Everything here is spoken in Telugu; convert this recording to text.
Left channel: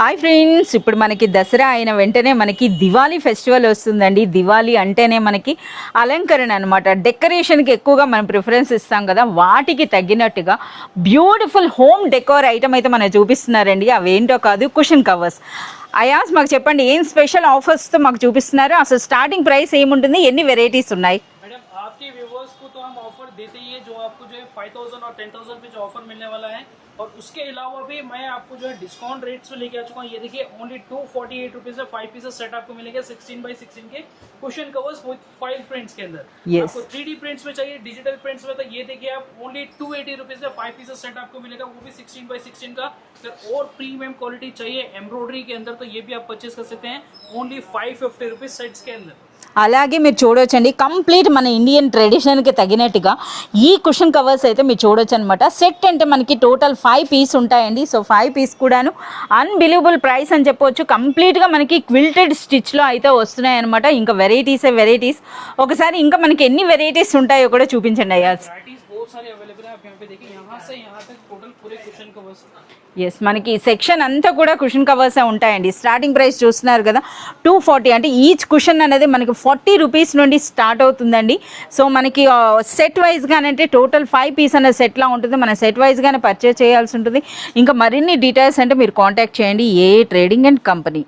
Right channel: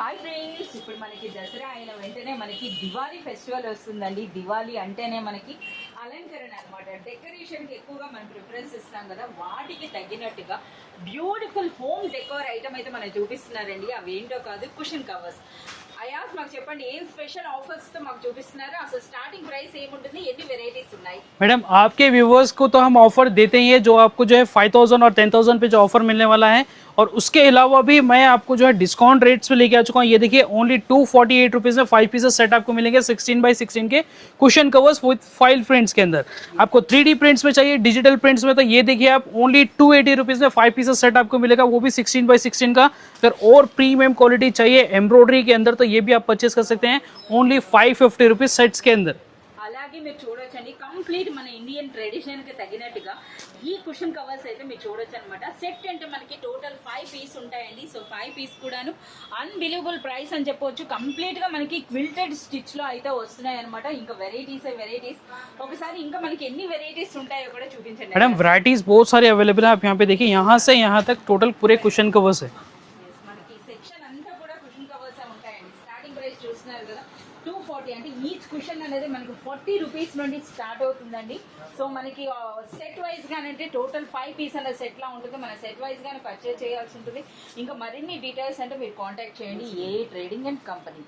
హాయ్ ఫ్రెండ్స్, ఇప్పుడు మనకి దసరా అయిన వెంటనే మనకి దివాళీ ఫెస్టివల్ వస్తుందండి. దివాళీ అంటేనే మనకి అలంకరణ అనమాట. డెకరేషన్కి ఎక్కువగా మనం ప్రిఫరెన్స్ ఇస్తాం కదా, వాటికి తగ్గినట్టుగా బ్యూటిఫుల్ హోమ్ డెకోర్ ఐటమ్ అయితే మనం చూపిస్తున్నారండి. అవేంటో కాదు, కుషన్ కవర్స్. అయాస్ మాకు చెప్పండి, ఏం స్పెషల్ ఆఫర్స్తో మాకు చూపిస్తున్నారు? అసలు స్టార్టింగ్ ప్రైస్ ఏముంటుంది, ఎన్ని వెరైటీస్ ఉన్నాయి? मैडम आपके व्यूवर्स को तो हम ऑफर देते ही है, जो आपको जो है 5000 और 10000 पे जो ऑफर मिलने वाला है, और उसके अलावा भी मैं आपको जो है डिस्काउंट रेट्स पे लेके आ चुका हूँ। ये देखिए ओनली 248 रुपीज़ में 5 पीसेस सेट आपको मिलेंगे 16x16 के cushion covers with file prints के अंदर। Yes. आपको 3D प्रिंट्स में चाहिए, डिजिटल प्रिंट्स में, तो ये देखिए आप ओनली 280 रुपीज़ में 5 पीसेस सेट आपको मिलेगा, वो भी 16x16 का। अगर और प्रीमियम क्वालिटी चाहिए एम्ब्रॉयडरी के अंदर, तो ये भी आप परचेस कर सकते हैं ओनली 550 रुपीज़ सेट्स के अंदर। అలాగే మీరు చూడొచ్చండి, కంప్లీట్ మన ఇండియన్ ట్రెడిషన్కి తగినట్టుగా ఈ కుషన్ కవర్స్ అయితే మీరు చూడొచ్చు అనమాట. సెట్ అంటే మనకి టోటల్ 5 పీస్ ఉంటాయండి. సో 5 పీస్ కూడాను అన్బిలీవబుల్ ప్రైస్ అని చెప్పవచ్చు. కంప్లీట్గా మనకి క్విల్టెడ్ స్టిచ్లో అయితే వస్తున్నాయి అనమాట. ఇంకా వెరైటీస్. ఒకసారి ఇంకా మనకి ఎన్ని వెరైటీస్ ఉంటాయో కూడా చూపించండి. वैराइटीज बहुत सारी अवेलेबल है, आप यहाँ पे देखिए, यहाँ से यहाँ तक टोटल पूरे कुशन कवर्स है। ఎస్, మనకి సెక్షన్ అంతా కూడా కుషన్ కవర్సే ఉంటాయండి. స్టార్టింగ్ ప్రైస్ చూస్తున్నారు కదా, 240. అంటే ఈచ్ కుషన్ అనేది మనకి 40 రూపీస్ నుండి స్టార్ట్ అవుతుందండి. సో మనకి సెట్ వైజ్గానే, అంటే టోటల్ 5 పీస్ అనే సెట్లా ఉంటుంది. మన సెట్ వైజ్గానే పర్చేస్ చేయాల్సి ఉంటుంది. ఇంకా మరిన్ని డీటెయిల్స్ అంటే మీరు కాంటాక్ట్ చేయండి ఏ ట్రేడింగ్ అండ్ కంపెనీ.